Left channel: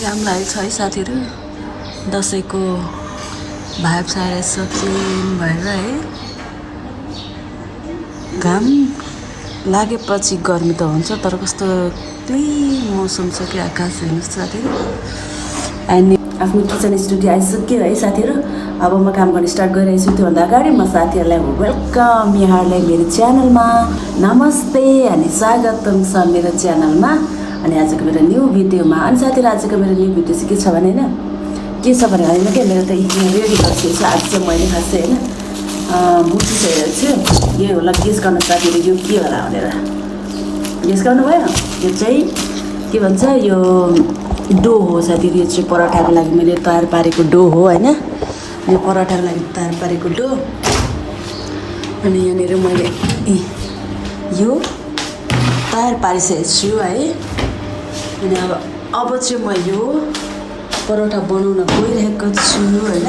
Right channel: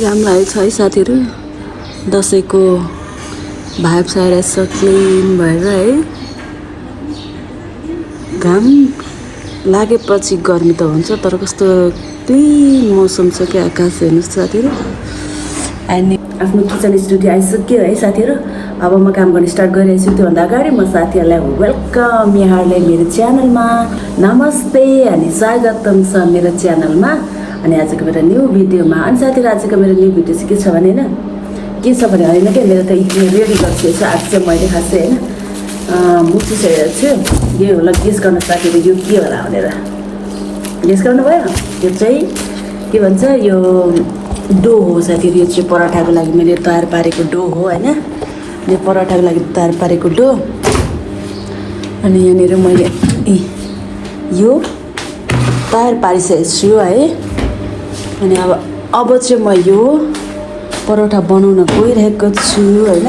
घाम लागेको छ है साथीहरू। दसैँको भाइब्स आइरहेछ क्लिन भएर है। घाम लागेपछि गर्मी त हुन्छ, तर कस्तो क्लिन मौसम छ कि आकाश हेर्नुहोस् साथीहरू। अनि आफ्नो किचन स्टुडियो आइसक्यो है साथीहरू। अब म काम गर्न स्टार्ट गरिरहेको छु। त्योभन्दा अगाडि म साथीहरूलाई वेलकम, यहाँहरूलाई मेरो च्यानलमा नमस्ते अनि स्वागतम छ मेरो च्यानलमा। अनि आजको मेरो न्यू भिडियोमा। अनि साथीहरू आजको मेरो न्यू भिडियो चाहिँ के छ भने होइन, के छ भने होइन क्या, मेरो त रेडी गरिसकेको छ। आज चाहिँ मैले खास चाहिँ होइन मुछिसकेको छु। यो होला गेस गर्नु साथीहरू, यो के होला भनेर गेस गर्नुभयो। यो चाहिँ के भन्छ, यो डो हो साथीहरू। यो चाहिँ पराठाको लागि मैले तयार पारेको डो हो होइन। यो पराठाको लागि तयार पारेको डो। अनि यहाँनिर मैले यो तयार पारिसकेको छु है। अनि अब चाहिँ म यो परोठा बनाउन गइरहेको छु होइन।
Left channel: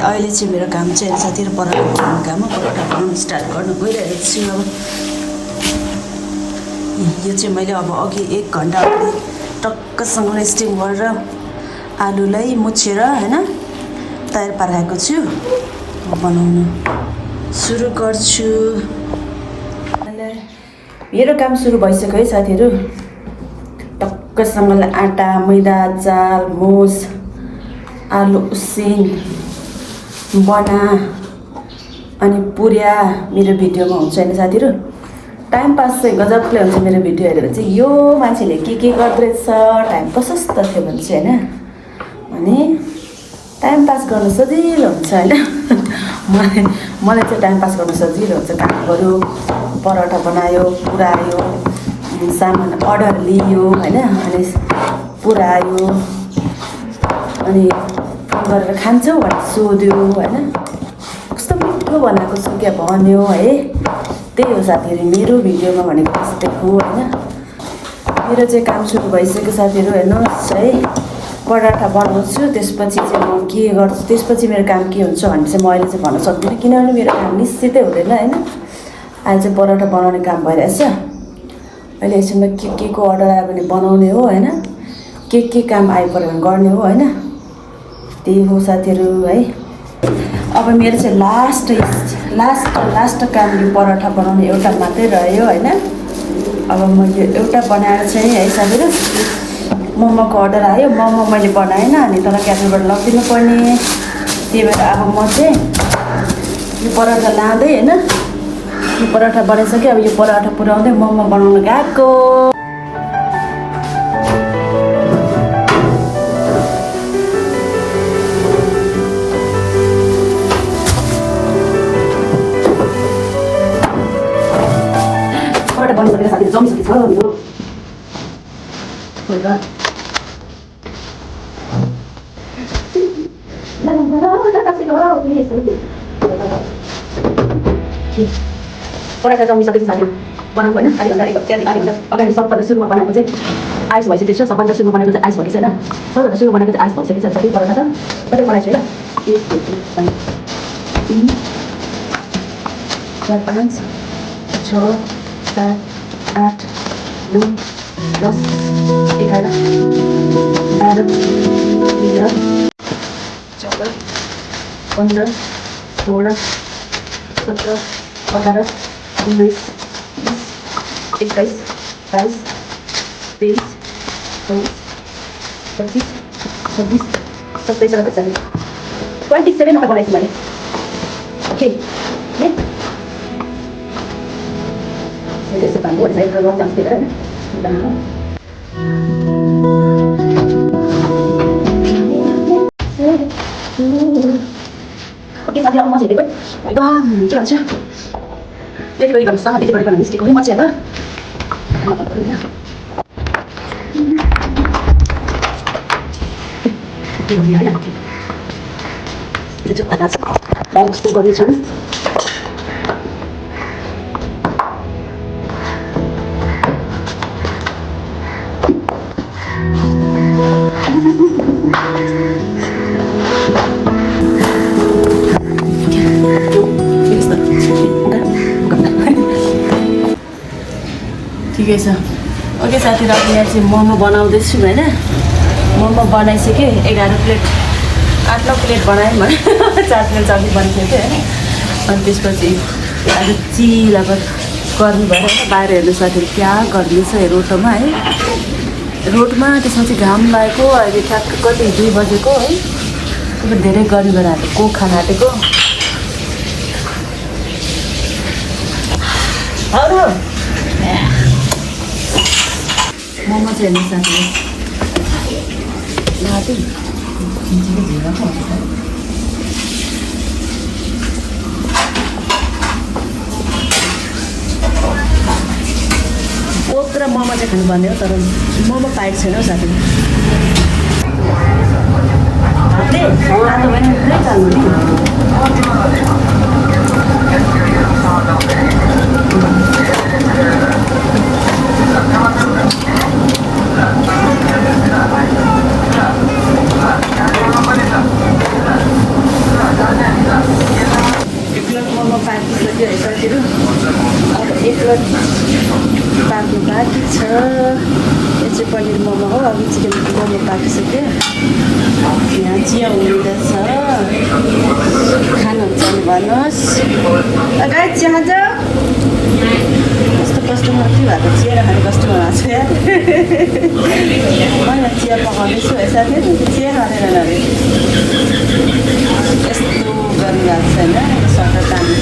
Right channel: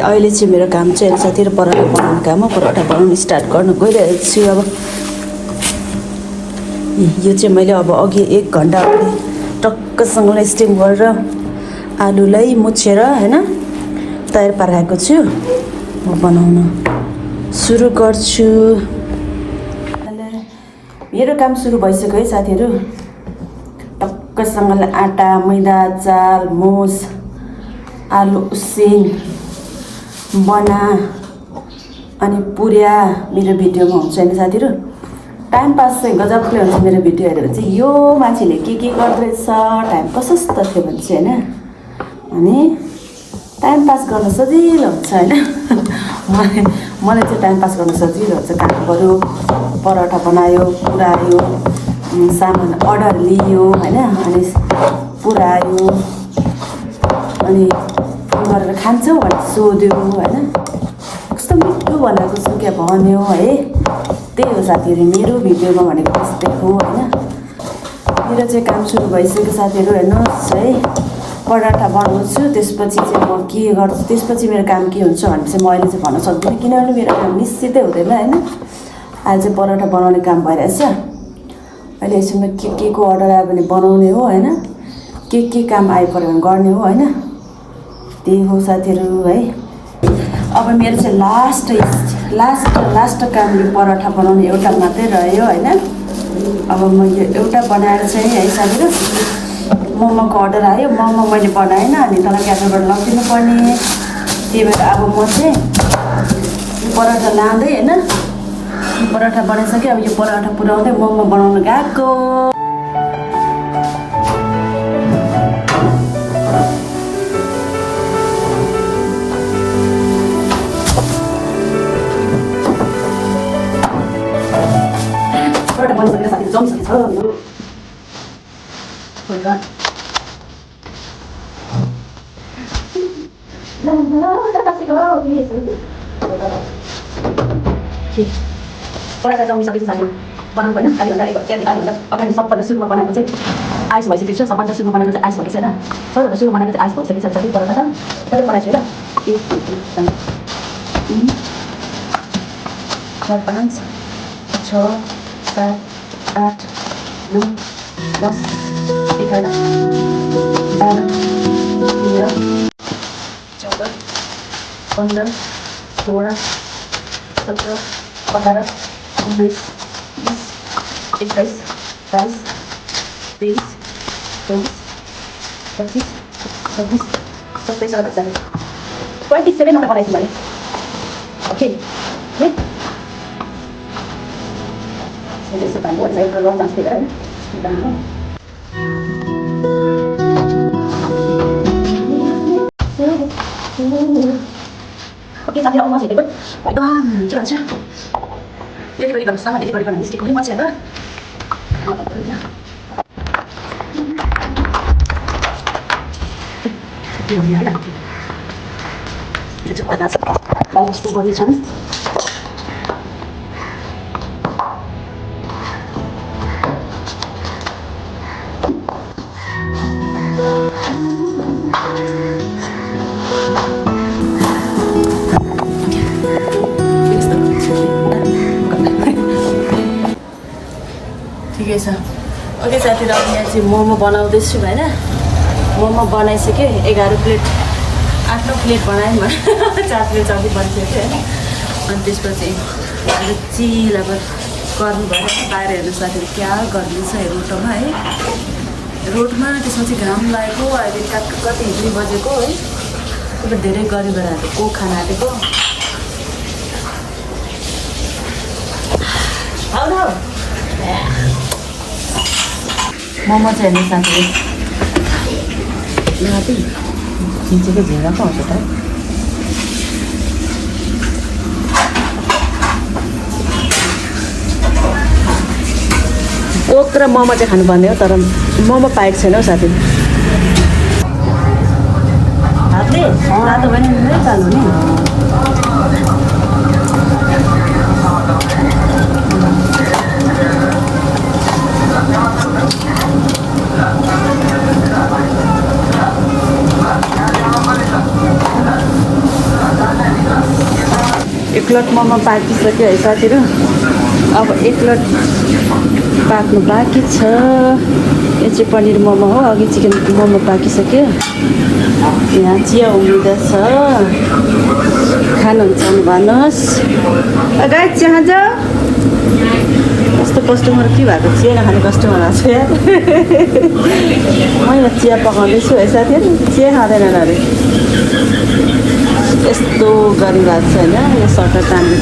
अहिले चाहिँ मेरो काम चाहिँ साथीहरू परोठा बनाउने काम हो। परोठा बनाउनु स्टार्ट गर्नु गइरहेको छु। अब यो चाहिँ मैले अब अघि 1 घन्टा अगाडि टक्कसँगले स्टिम गरेर आलुलाई मुछेर होइन तयार पारेको छु। म बनाउन सुरु गर्छु। मेरो काम सुरु भइसक्यो है साथीहरू। टक्कसँगले आँटा, मैदा, चाल, मुस, आलु उसिन बना अनि पुर्या मेरो भिडियोमा हुन्छ होइन साथीहरू। टाइम पास चाहिँ गजबले हुन्छ मेरो भिडियो हेरेर चाहिँ। यो मान्छेले के गर्दैछ, टाइम प्रशस्त थियो भने चाहिँ होइन। अनि टाइम पास गर्न सजिलो हुन्छ होइन। मलाई चाहिँ टाइम पास गर्न सजिलो हुन्छ। काम गऱ्यो, पराठा बनायो, पुऱ्यायो, सामान अर्डर लियो होइन, अनि पुऱ्यायो, अनि फोन गरेर खान्छौ भने सोध्यो होइन, कस्तो मिठो बनाएको छु क्या भन्यो है। त्यही हो साथीहरू मेरो भिडियोमा भनेको त्यस्तै हो होइन। मेरो चाहिँ काम सुरु भइसक्यो साथीहरू हेर्नुहोस् है। पराठा बनाउँछु, त्यसपछि चाहिँ म के गर्छु, त्यसपछि मेरो काम के हुन्छ भन्ने चाहिँ म अहिले चाहिँ भन्न सक्दिनँ, किनभने मेरो काम निश्चितै हुँदैन होइन। अहिले चाहिँ पराठा बनाउने काम भइरहेछ। अहिले एकछिनमा के को अर्डर आयो भने बनाउने हो होइन, के काम आइपऱ्यो भने गर्ने हो होइन। त्यही हो साथीहरू है। अब मेरो चाहिँ लास्ट काम यो पराठा बनाउने एउटा मात्रै रह्यो होइन। अब म यो एउटा बनाएर चाहिँ है साथीहरू, मोमोको अर्डर आयो। मोमो मैले बनाएन अनि तल क्याफेबाट लगिदिनु पर्ने। त्यही भएर अब म चाहिँ यो पराठा लाँदै होइन, यो पराठा बनाइसकेँ। अब यो पराठा पुऱ्याउँदै मोमो बनाउन गएको। पराठा बनाउनु पर्ने साथीहरू जमिसकेको छ मेरो। पराठा जमिसकेको छ साथीहरू, बनाउनु पर्ने। आधी घन्टा अगाडि सबभन्दा सुरुमा बनाएको चाहिँ आइस भइसकेको छ। सबभन्दा सुरुमा बनाएको चाहिँ आइस भइसकेको छैन। सबभन्दा सुरुमा बनाएको चाहिँ आइस भइसकेको छ साथी। पराठा त कहिले बनाएको छु होइन। 3 4 5 6 7 8 9 10 11 12 13 14 15 16 17 18 19 20 21 22 23 24 25 26 27 28 27 नम्बर बनाइछु मैले। ओके यसो काम गर्छ एउटा रङ डान्स हेरेर ओके साथीहरू। अब म चाहिँ एकदम के भन्छ डेलिभरी गर्नु सक्छ। डेलिभरी गर्न निस्केको है म चाहिँ होइन। कस्तो गर्नेछन् ठिकै छ। ओके साथीहरू अब यहाँ चाहिँ मोमो बनाउँदैछु होइन मोमो बनाइसकेँ 11 प्लेट 8 प्लेट बनाएँ मैले 4 प्लेट सब्जी बनाइसकेँ होइन अनि त्यसपछि आज चिल अब गर्नु भएर बाहिरहरू साथी क्या गरिदिएछ रोडमा है रोडमा त्यसपछि घाम लागेको अहिले ठ्याक्क कति 2 बजेको है अब धेरै गरिबहरू को खाना आँटेको हौ मोमो चाहिँ हेर्नु साथीहरू लाटी खिचेको भेरा पो हुन्छ त कोक र मोमो चाहिँ खानुपर्ने हो तर मोमो पाएको छैन हौ साथी हातले हात पनि चाल्नु नि एक प्लेट मोमो पाकिसक्यो है साथीहरू अब एक प्लेट पाक्नु बाँकी छ यो चाहिँ पनिर मोमो हो अघि चिकन मोमो पाकिसक्यो यहाँ चिया उम्लिँदैछ खानुहुन्छ भने भन्नुहोस् गाई चिया खान्छ कस्तो कस्टमर के भएको चिया नखाने कस्टमर आएको मैले चिया पकाउँदैछु है साथीहरू चिया खाँदैनन् अरे यस्तो गरिरहेको छ होइन यो सटर तान्ने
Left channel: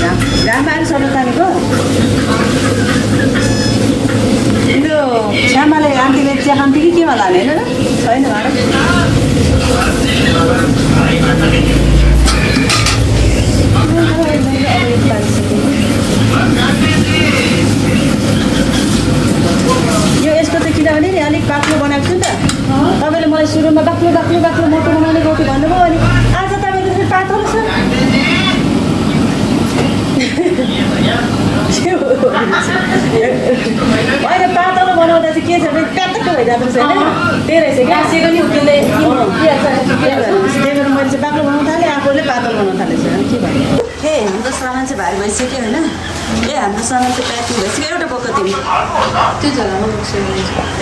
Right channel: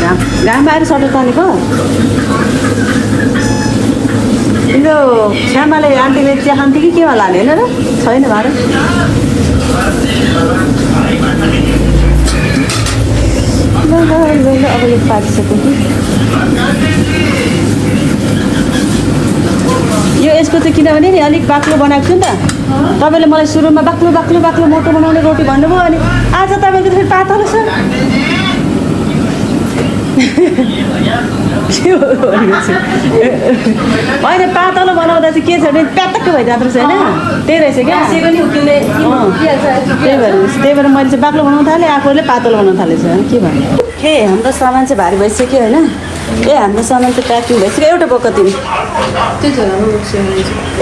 घाममा अहिले सटर तानेको तिम्रो श्यामाले आन्टीले चिया खान्थ्यो कि केमा लाने होइन र छैन भाडा यो यसको चाहिँ किनभने नि अलिक बाक्लो बनाएको छु नि त तपाईँले मलाई सुरुमा बाक्लो बाक्लो बाक्लो मोटो बनाउने रोटी भन्नुभयो अनि आज तपाईँले फेरि पातलो छ अहिले पातलो बनाउँदा चाहिँ के छ भने प्याटक्क भइरहेको छ होइन त्यही रहेछ क्या आसेको नि त्यसले त्यही भएर मैले चाहिँ बाक्लो बनाउनु थालेँ आफूले पातलो बनाउनु थालेछ के भन्नु ए हाम्रो सामान चाहिँ भारी भइसक्यो होइन ए हाम्रो सामान चाहिँ प्याकिङ भइसक्यो एउटा बोक्का तिमी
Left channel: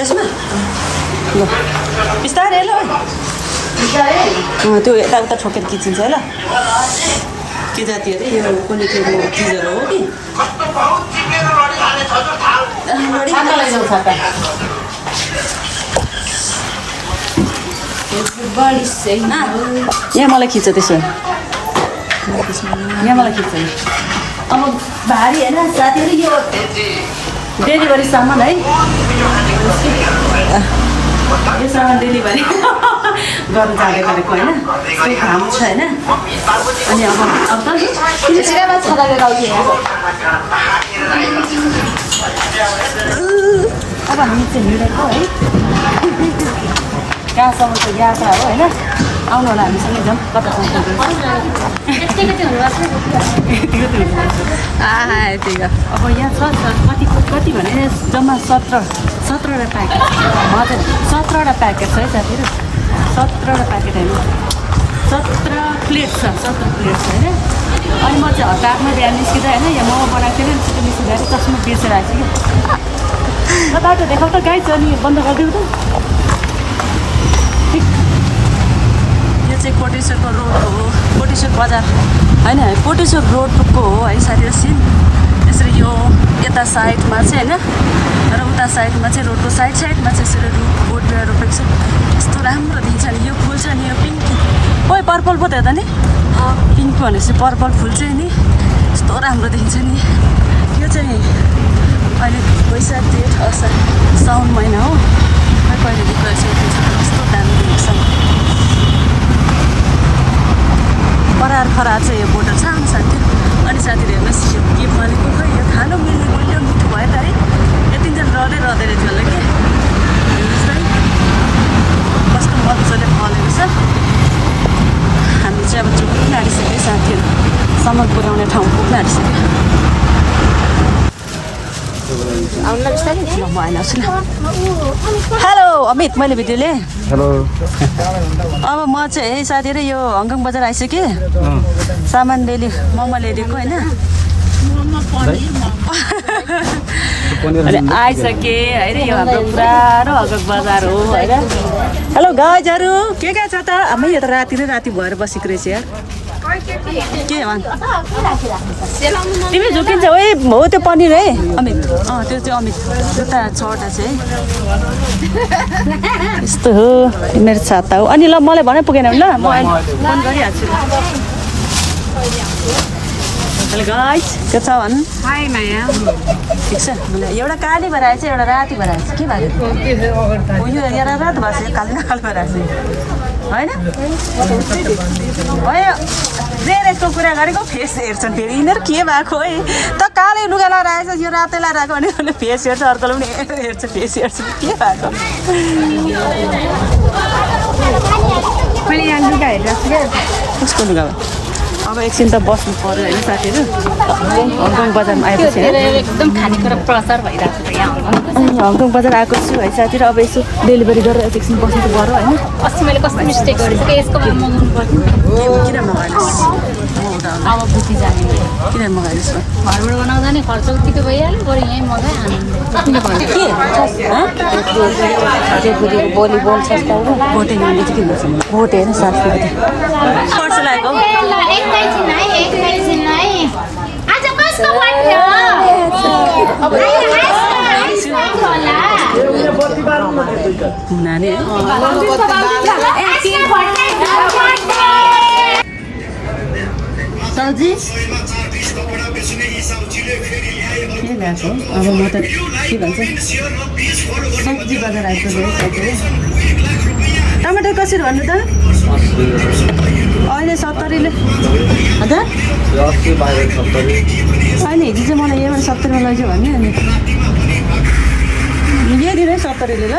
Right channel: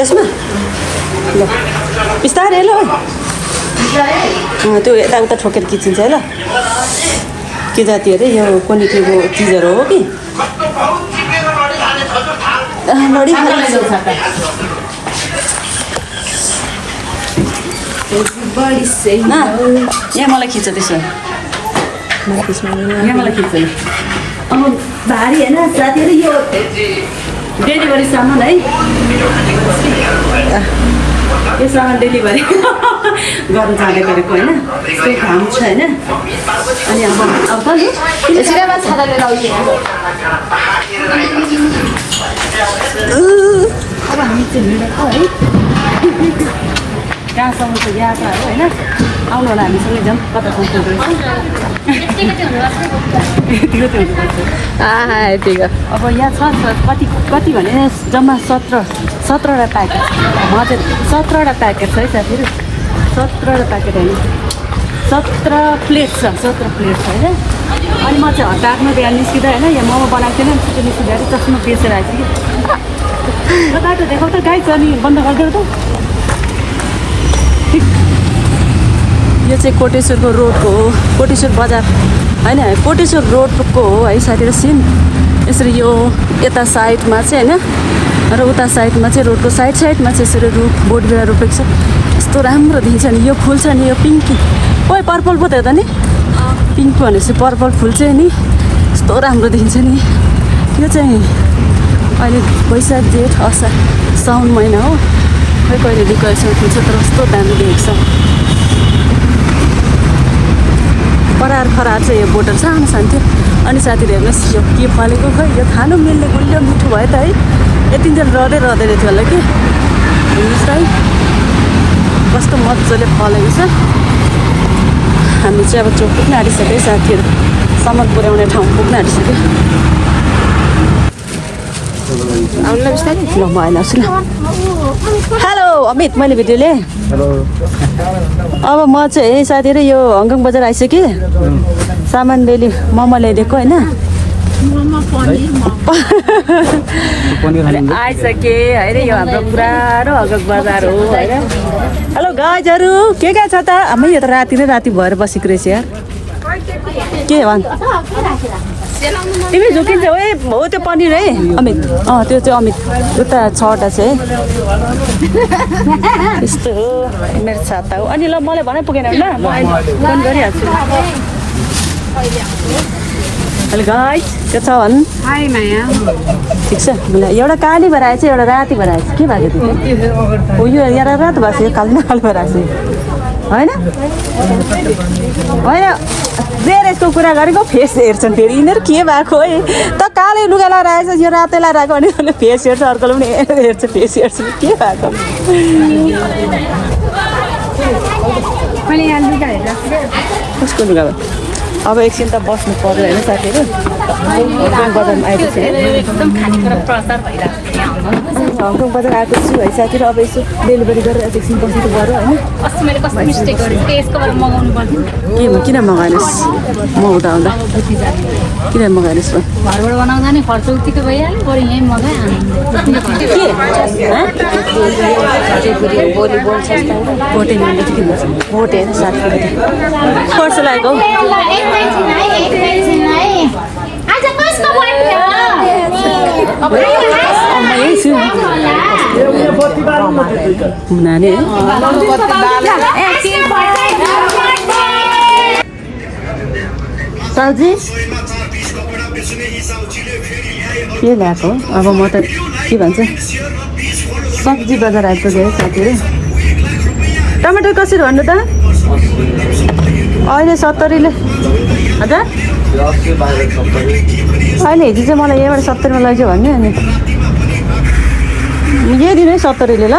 यसमा ल बिस्तारै ल त्यो यताउता ठोकेर किचिन्छ है ल के जाति अरे यो क्वालिटीको चिजहरू हो कि यहाँ मलाई खिच्छ त्यसो यहाँ मलाई खिच्छ अब भारी होइन साथीहरू यो डेलिभरी सामान है यो सामान डेलिभरी गर्नु जाँदै गरेको होइन त्यही काम छ होइन अनि अब त नि सिधामा छाता लिएर आउँछु अब हामी चाहिँ हिँडेको है कहाँसम्म चाहिँ यहाँ छ होइन आउनु होला हामीसँगै जाउँ कतासम्म पुग्दो रहेछ अब यहाँ छ कति कति भने जम्मा 17वटा प्याकेट हजुर 17वटा प्याकेट छ है साथीहरू 17वटा प्याकेट होइन 17 प्लेट छ 17 प्लेट छ होइन अनि म चाहिँ हतारमा बिहान निस्किँदा होइन यहाँ मोमो बनाएको थिएन छिटो निस्किँदा चाहिँ चस्मा बेचेर आएछु कि बाटो देखाउ त गाई छ अनि बन्द गरिदेऊ त यो चाहिँ कोटेश्वरको रोडको हो कोटेश्वर बजार होइन कोटेश्वर रोडको हो है साथीहरू सिन यसरी यो यता साइडमा चाहिँ होइन र उता साइडमा चाहिँ रोडको साइडमा चाहिँ यसरी बोट बिरुवा रोपेको छ यस्तो राम्रो देखिन्छ नि यो फुल छ नि यो पिङ्की ओइ पर्पल पो त हेर्दा नि पिङ्क भनेपछि पर्पल फुल चाहिँ नि यस्तो राम्रो देखिन्छ नि यो चाहिँ अहिले वैशाख जेठ असार साउन महिना हो खै कहिले डेकोरेसन फुल्छ तर कस्तो दामी देखेको छ परार खरार चाहिँ यो बोटल सानो सानो थियो अनि साथीहरू हेर्नुहोस् यो के फलेको खै यो खानु मिल्ने गुलियो मिठो भयो त है यतिन्जेल रहँदै थियो होला कि हेर्नुहोस् है कस्तो मजाले फलेको छ हामी चाहिँ अब चोक पुग्न आँटिसक्यो साथीहरू सामान पुर्याउने ठाउँ पुग्न आँटिसक्यो ल म आइलाउँछु ल हेलो अमित मैले भिडियो लिएँ अब म चाहिँ साथीहरू यो हङकङ बजार आइसकेँ सामान डेली मोमो ल्याइदिएको होइन अनि आइसके होइन यो हाम्रो पुरानो हगक बजार हो होइन हेलो गाइजहरू के छ त हामी यो त राति नै राति भएर बसेको रहेछ यार के भन् तिमी झुकिन्छौ ए हो त्यो पनिर है अमित त्यो चाहिँ अमित उता छवटा छ है यस्तो हो मेरो छाता हो अनि ल मलाई भने पुगेन ल म फोन गरिहाल्छु हेलो गाइस के छ भन् हाई माया ठिक छ मलाई एउटा काली भएर आएछ एउटा राति भएर आएछ के भएको थियो यो यहाँ रातो भएको छ काली न कालो भएर आएछ होइन होइन फेर यसको कुरा गरेको फेस हेर्छन् फेरि यिनीहरू के भएको है त कालै लुगा लगाएर आएछ यो रातै लगाएर आएको भने फेस हेर्छ अर्कोले पनि हेर्छ फेस हेर्छ के भएको मैले यहाँ लुगा हेरेको कसको लुगा भयो अब एकछिन त बस्नु पर्यो होइन साथीहरू हङकङ बजारमा आएको छु एकदम खानेकुरा प्रचार भइरहेको छ यहाँ हङकङ बजार आएको छु है साथीहरू अब यसो डेलिभरी गरेर एकछिन बस्नु त पर्यो होइन अस्ति मैले कस्तो मिस्टेक गरेको यसको बारेमा मगाउनु पर्थ्यो के भयो किन मगाइनुहोस् म हुँदा हुँदा अब बुझी जाने किन मगाइनुहोस् र घरबाट बनाउँदा नि खर्च उठितो भइहाल्यो बरु यहीँ मगाइ भोटे नानीले चाहिँ किन भोटे होइन साथीहरू पर्छ लागेको आज कसको बर्थडे हो? नानी है साउजी के ल्याएको अब म त के भन्छ सब्जी बजार आइपुग्यो है साथीहरू टमाटर कसरी भन्नु त अहिले 70ले हजुर होइन हिजो चाहिँ मलाई यहीँबाट 70मा लैजाऊ भन्ने अनि यही दिनु नि 70ले ल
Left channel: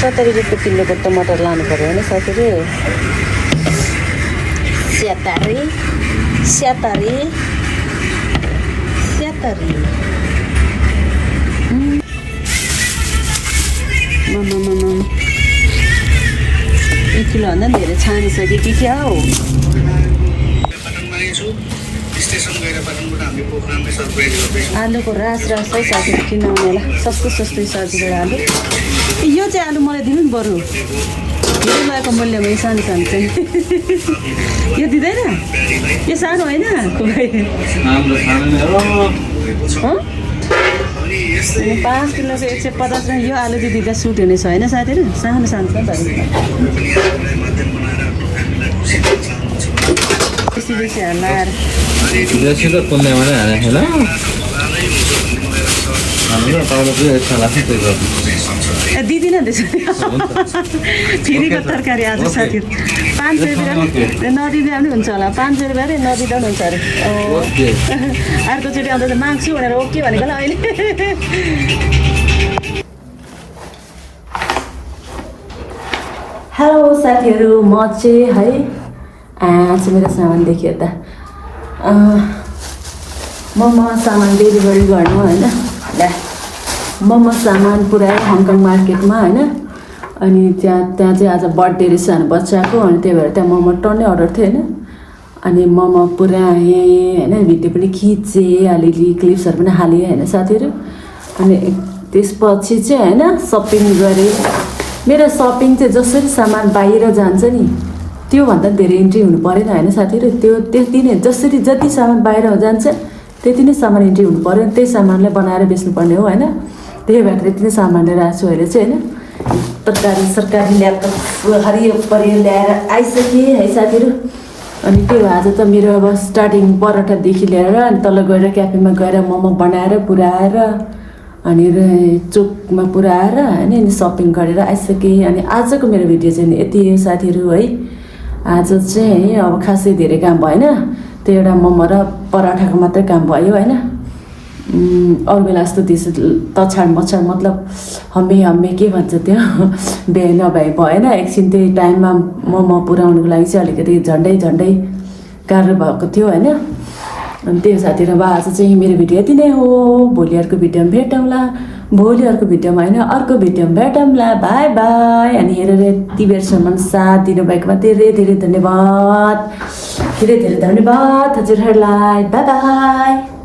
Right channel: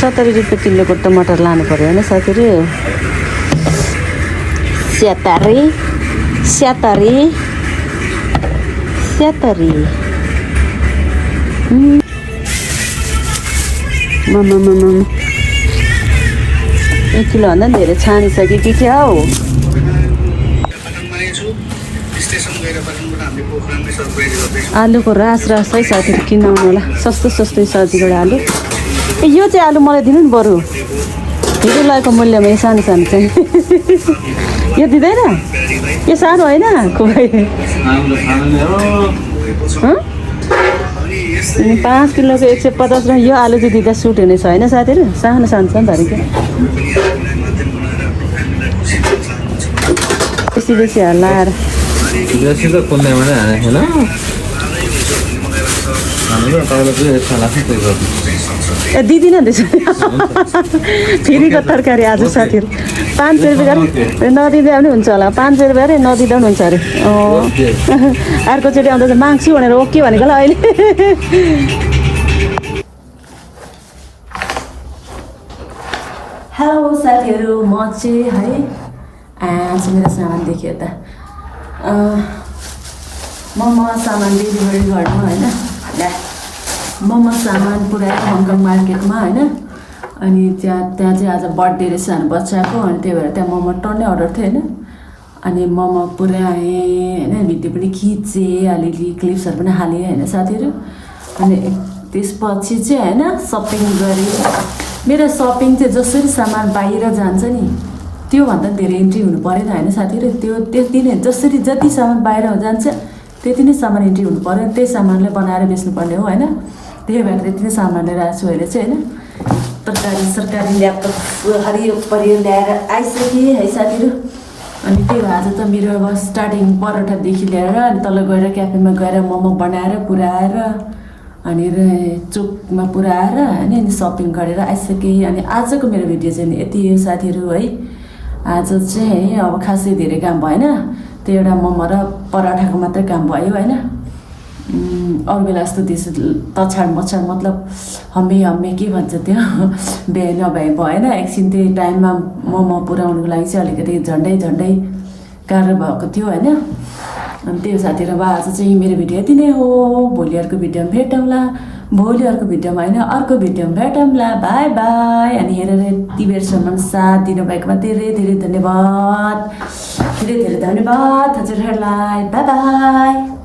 70 रुपियाँ किलोको टमाटर लानु पऱ्यो होइन साथीहरू स्यातरी एक किलोभन्दा पनि धेरै छानिसक्यो कि क्या हौ आलुको रास है साथीहरू किन्नु आउनुलाई सस्तै सब्जीबाट आलु यो चाहिँ आलु मलाई दिनु नि बरु धेरै लागेको मूल्यमा यो सानो चाहिँ यो दिँदैन यो सानो होइन खोइ 5 किलोको 150 र यो आलु चाहिँ दिँदा सुट हुनेछ होइन साथीहरू सानो धरेको बेसी हल्लाएर दिदिनँ रहेछ फेरिको तरकारी आज साथीहरू 500 रुपियाँ नदिँदा पनि हुन्छ होला 500 रुपियाँ अरे नदिँदा पनि हुन्छ अरे अर्कोचोटि आउँदा चाहिँ माग्छु भनेर ओके भनेको ल अहिले हेलो साथीहरू म चाहिँ है चाहिँ मेरो सामान देखियो त मोमो सामान डेलिभरी गर्नु होइन मोमो सामान पुऱ्याएँ हङकङ मार्केटमा होइन अनि त्यहाँ चाहिँ आज बर्थडे रहेछ हाम्रो बच्चाको अनि त्यही भएर त्यहाँ मोमो टन्नै अर्डर थियो होइन अनि मोमो पुऱ्याएँ होइन भिडियो पनि खिचेँ अलिअलि क्लिप्सहरू पनि हालेँ होइन साथीहरू अनि त्यसपछि चाहिँ होइन सपिङ गरेँ मेरो सपिङ चाहिँ जसरी सामान बाहिर जान्छ नि त्योभन्दा धेरै इन्ट्री हुनु परेन होइन साथीहरू त्यति नै जति सामान बाहिर जान्छ त्यति नै सामान इन्ट्री हुनु पऱ्यो त्यही सामानलाई बनाएर बेच्नुपर्ने हो होइन त्यही भएर त्यति नै सामान लिएर आएको छु अहिले चाहिँ होइन सरकारी ल्यापटप हरियो परियो ल्याएर आइसकेँ है साथीहरू अनि त्यही भएर आज त मेरो अब स्टार्टिङ पराठादेखि लिएर अनि तल गएर क्याफेमा गएर मोमो बनाएर पुऱ्याएर अनि चोकमा पुऱ्याएर होइन अनि सपिङ गरेर आइसकेँ अनि आजको मेरो भिडियो चाहिँ यति हो साथीहरू है आज चाहिँ अब खासै धेरै काम भएन त्यो एउटा मोमो र पराठाको मात्रै काम भयो होइन अरू बेला जस्तो त्यसो तछाड मछाड मतलब हम्मे के भन्छ त्यो बिहे नभए भएन एकछिन त्यही टाइममा मोमो पुऱ्याउनुको लागि चाहिँ अलिकति झन्डै गाह्रो भएको थियो होइन अनि त्यही साथीहरू अब आज चाहिँ मेरो भिडियो यति नै हो भोलि अर्को भिडियोमा भेटौँला भोलि अर्को भिडियोमा होइन अर्को भिडियोमा भेटौँला बाई बाई अनि हेरेर यति बेरसम्म साथ दिनुभएकोमा धेरै धेरै धन्यवाद हजुरहरूलाई बाई बाई